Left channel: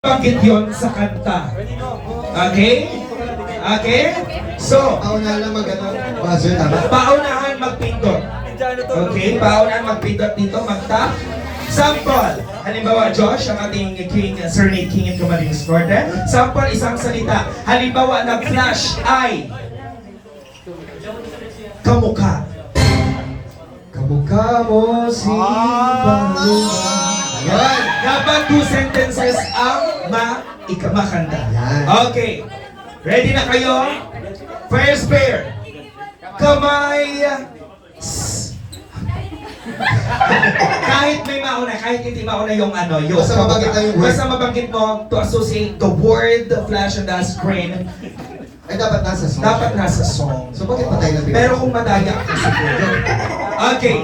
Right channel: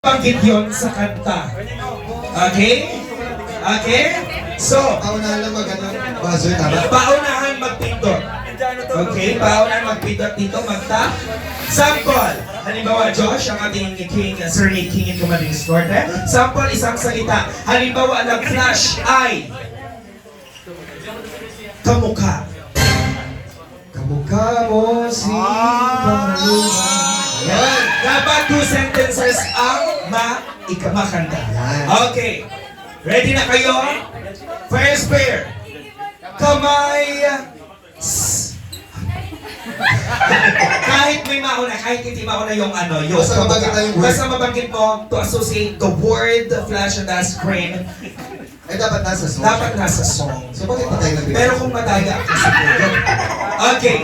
Bakit yun sa kanta? Okay? Okay? So, Paunahan lang mag-ano, buzzer, tama? paunahan magpindot. Okay? Paunahan magpindot dito, magta. Sample. Halimbawa, Josh, ang ating king, Sir Nick King and Commanding Escorte. Sample, isang salita. Halimbawa, nag-flash ay kamukha. Kamukha mo si Paloma. Ayan! Dapat 2 sentences ang makanda. Yan. Okay. Ready na kayo? First pair. Kamay. Kahit may mauna, kahit hindi mauna yung ano, yung Basta mabanggit lang yung word. Basta mabanggit mo to associate the word flash on the screen. Ay, dapat nasa song. Dapat nasa song. So, bakit patay na bigla? Pero kung madaya ako siguro. Okay.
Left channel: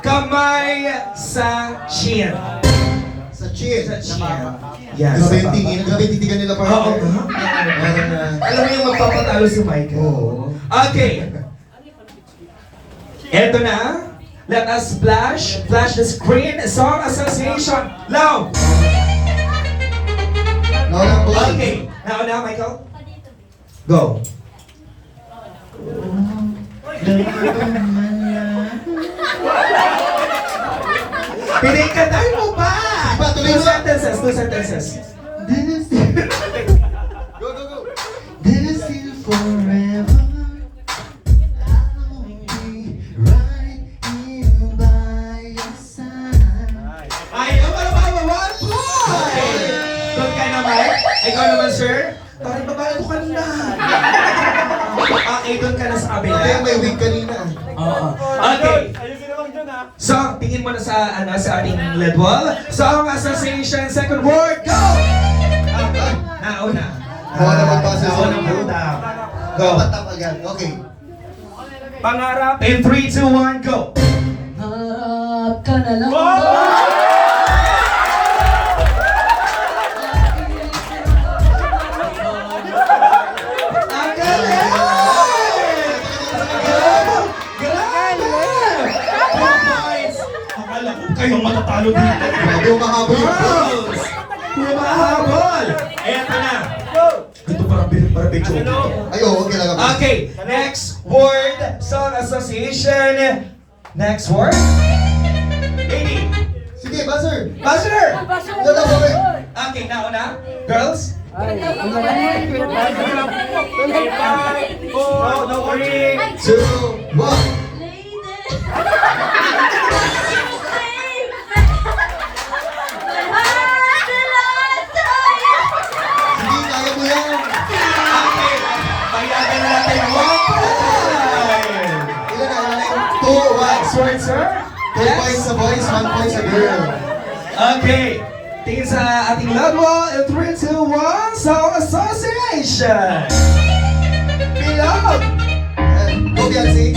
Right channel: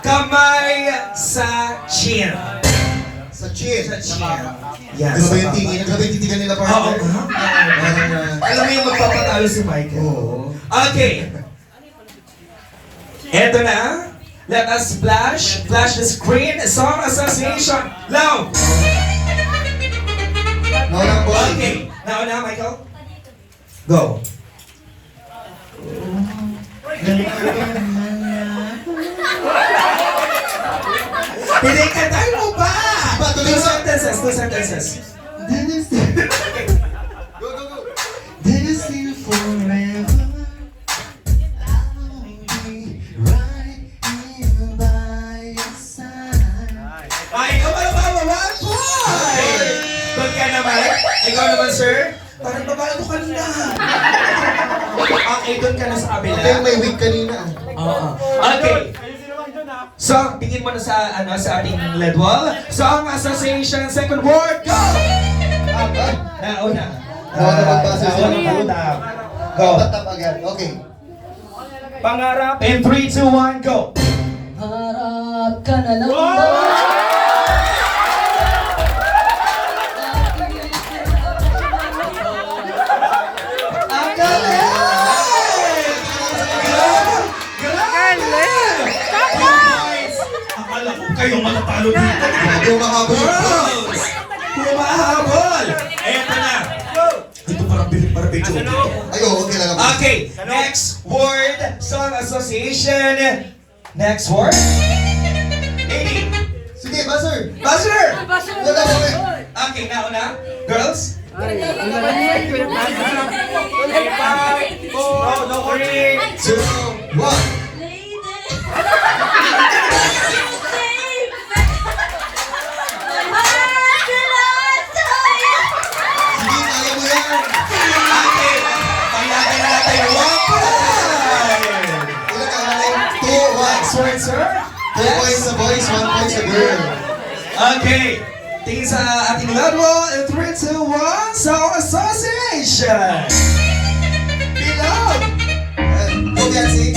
Kamay sa chin. Sa chin. Sa chin. Yan. Grabe sa yung baba. tingin. Grabe yung titigan nila parang. Oo. Alam mo yung magpapatalo si Michael. Oo. Okay. Eto na. Let us flash the screen. Song association. Loud. Naunang boy. Okay. Nauna, Michael. Go. Hindi, kantahin mo pa! Ba, tuloy Two mo. sentences, 2 sentences. Go, go, go. This you forever. I'll be right here by your side. Ay, ano ba? 1 point! Doon ka naman. Ikaw naman, sir. Parang babae mo kanina. Okay, doon ka na sa kabila. Okay, may week kanina. Oo. Okay. So, tingin mo na sa ating lead wall. Song association, second word, go! Nauna. Nauna magbasa sa Nauna una. muna. Go. Patap agad. Okay. Pangarap. In 3, 2, 1, go! Harap ka na lang ba? Ang galing! Galing! 2 points! Akala ko kayong matatalo dito. Grabe umahabol yung Girls! Humahabol! Eto na. Ito parang medyo dito. Ay, oo, okay lang. Okay, next word, song association. Next word. Lady. Sige, buzzer. Buzzer! Wala ba, okay. Okay, nauna. Girls. 5, 4, 3, 2, 1. Sige, kaya mo yan. Okay, payagan natin. 1 point! Ilan na, ilan na? 2, 1. Next word, sir. 2 points sa boys, 1 point sa girl. Okay. Tingin sa ating loud wall. 3, 2, 1. Song association. Bilog. Go, Biancy.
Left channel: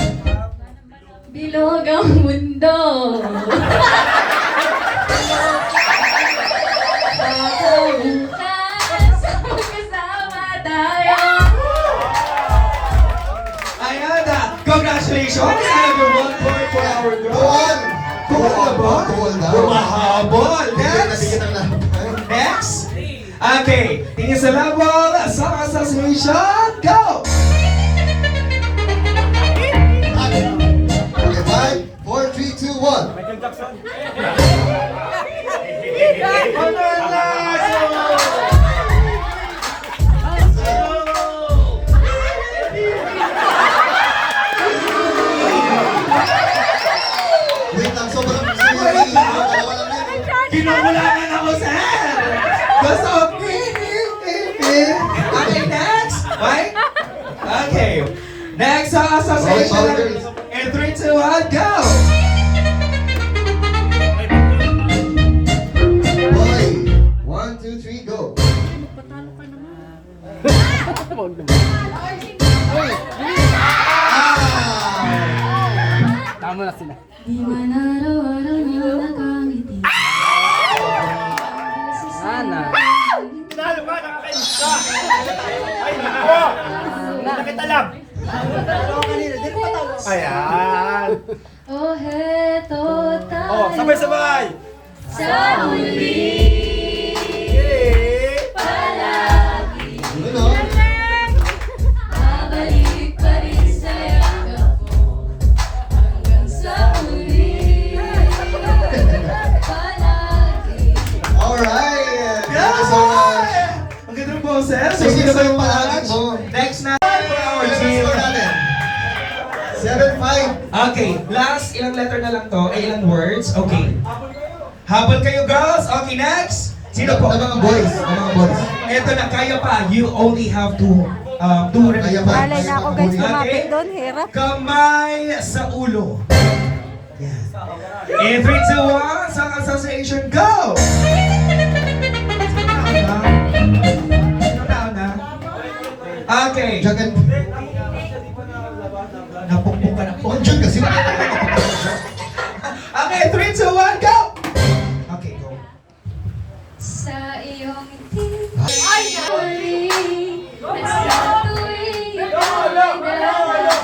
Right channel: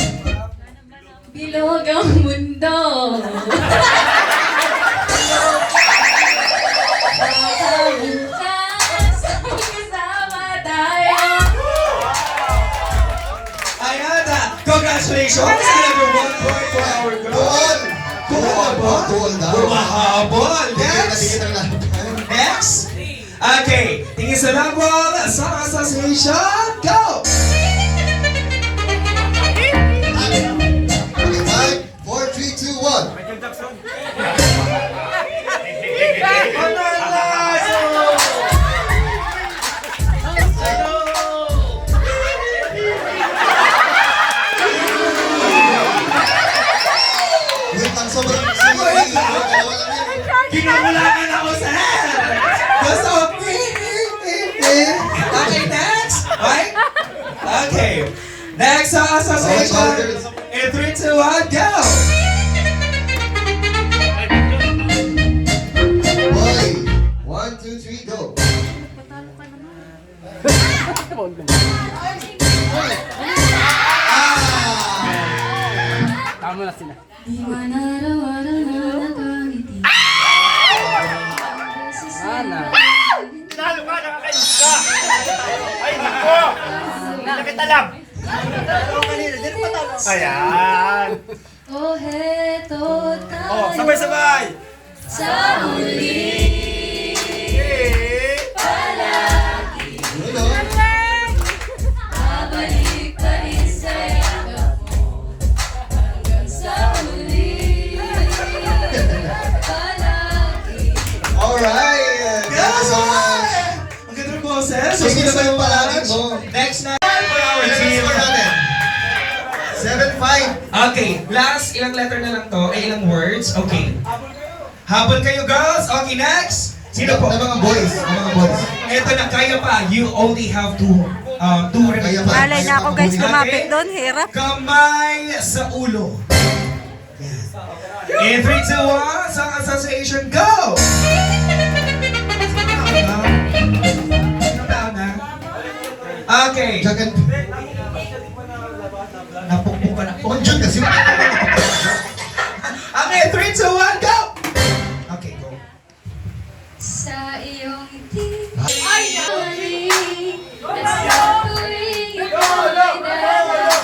Bilog ang mundo. Magkasama tayo. Ayan na. Congratulations. Another 1 point for our girl. Tuol. Tuol ba? Tuol daw. Humahabol. Tigil na Next. tigil ang laban. Next. Okay. Tingin sa loud wall. Song association. Go. Okay, 5, 4, 3, 2, 1. Wait lang, sobrang sorry. Dalawa lang yan. Kinukulangan ako, sir. Gusto ko. Okay, next. Right? Okay. Next song association. In 3, 2, 1, go. Boy, 1, 2, 3, go. Di man araw-araw na nakangiti. Ayan! Oh, heto tayo. Oh, sabay-sabay! Sa huli. Eh! Moses. So, sino ba yung palagay mo? Next na for our team. Score natin. 7-5. Okay, last ilang letter na lang to, ilang words. Okay. Habol kayo girls. Okay, next. Sino po? Ang mga boys. Ang mga boys. Ito na, kaya pa. You only have two Kaya pa. Malay na ako guys, lumapit doon, hirap. Kamay sa ulo. Yan. In 3, 2, 1, Song Association, go! Sino na? Okay. Jagan. Napukpok ka na. Oh, Jun kasi. Okay, 3, 2, 1, go! Okay, go. Sa iyong ngiti ay naling sa tuwing ikaw ay dalawa.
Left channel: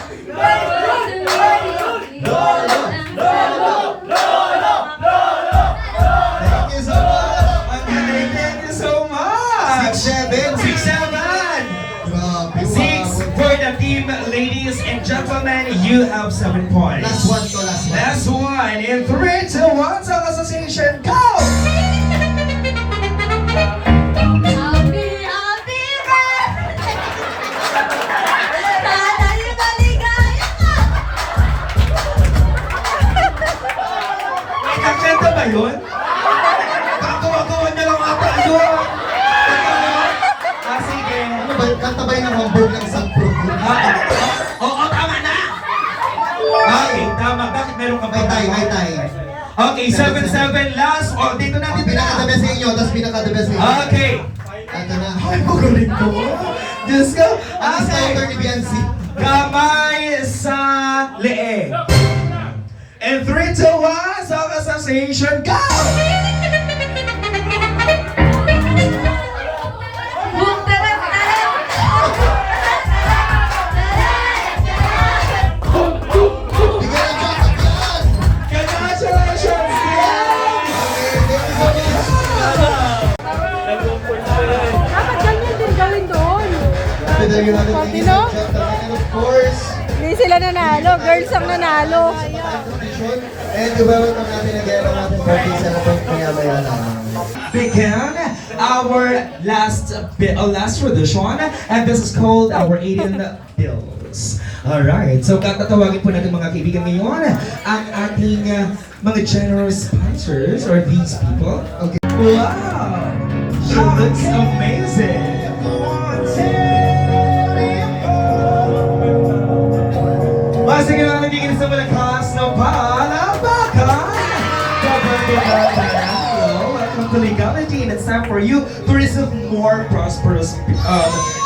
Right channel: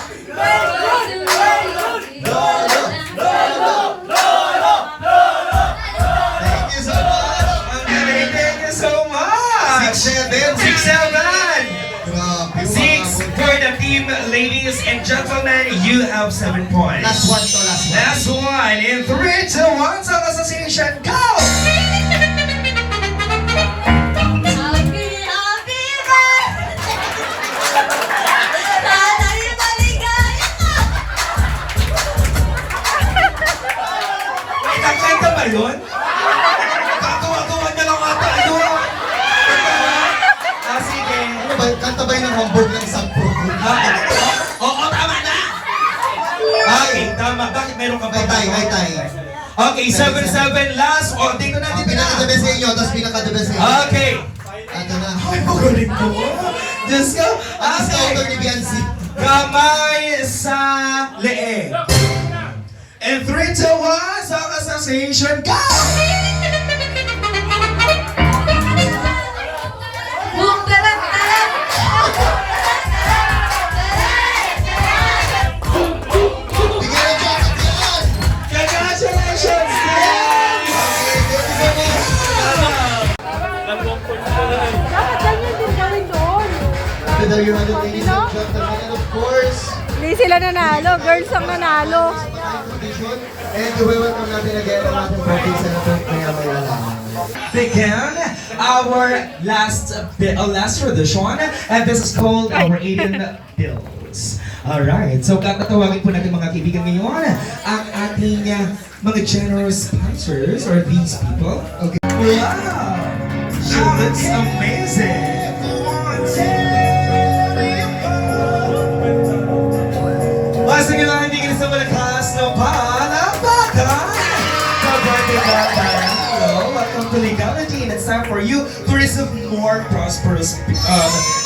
Thank you so much. Okay, thank you so much. 6-7. 6-7. Grabe. 6 for the team, ladies and gentlemen. You have 7 points. Last one to, last one. Last one. In 3, 2, 1, Song Association, go! Happy, happy birthday! Sana'y maligaya ka! May kakanta ba yun? Kakawa-kawa na lang ata yun. Sige. Ano ba? Kanta ba yun ng Hamburg ng isang program? Oo, tama na! Okay, tama. Bakit meron ka Hi, pa? tay. Hi, tay. Okay, 7-7 last. O, dito na, Ang dito na. pinaka-the best sa inyo, tapos pinaka-the best sa inyo. Okay. Ito na. Ay, magaling ko. Diyos ko. Ang scouter ni Biancy. Kamay sa leeg. And 3, 2, 1, Song Association, go! Boom, talam, talam! Bigyan ng jacket. Congratulations! Dapat ganyan din gawin doon. There you have it, ladies and gentlemen. And of course, Hindi sila nanalo, girls ang nanalo. competition. And welcome natin again ang ating birthday celebrant maya-maya lamang. Begin our last tradition, and this is called our Aiden Bills. Alright, so tatawagin po natin mga kaibigan ngayon ang ating mga generous sponsors or these people. Okay. Wow! She looks amazing! Basta nga lang hindi sa mga class ng palakpakan! Welcome to Legality, and it's time for you to receive more prosperous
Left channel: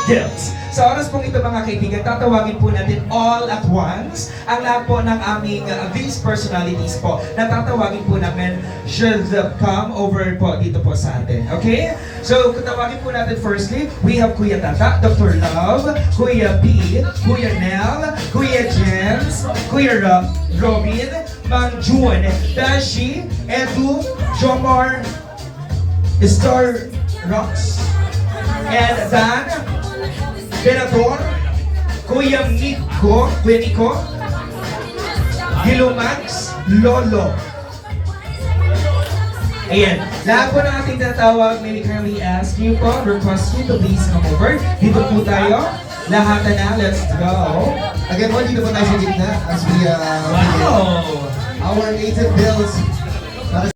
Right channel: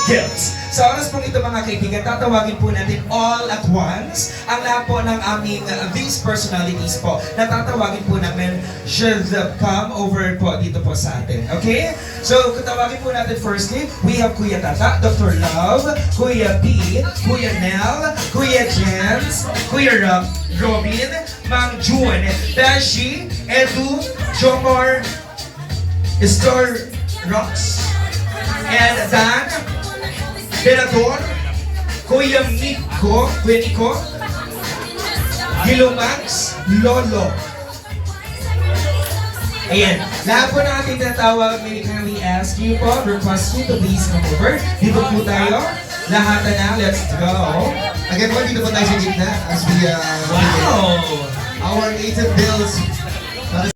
gifts. Sa oras pong ito mga kaibigan, tatawagin po natin all at once ang lahat po ng aming these personalities po na tatawagin po namin should come over po dito po sa atin. Okay? So, tatawagin po natin firstly, we have Kuya Tata, Dr. Love, Kuya P, Kuya Nel, Kuya Jens, Kuya Robin, Ma'am June, Beshi, Edu, Jomar, Star Rocks, and Dan, Senador, Kuya Miko, Kuya Nico, Gilomax, Lolo. Ayan, lahat po na ating tatawag, may kindly ask you po, request you to please come over. Dito po tayo, lahat na, let's go. Again po, dito po tayo sa gitna as we Wow! our 8 bills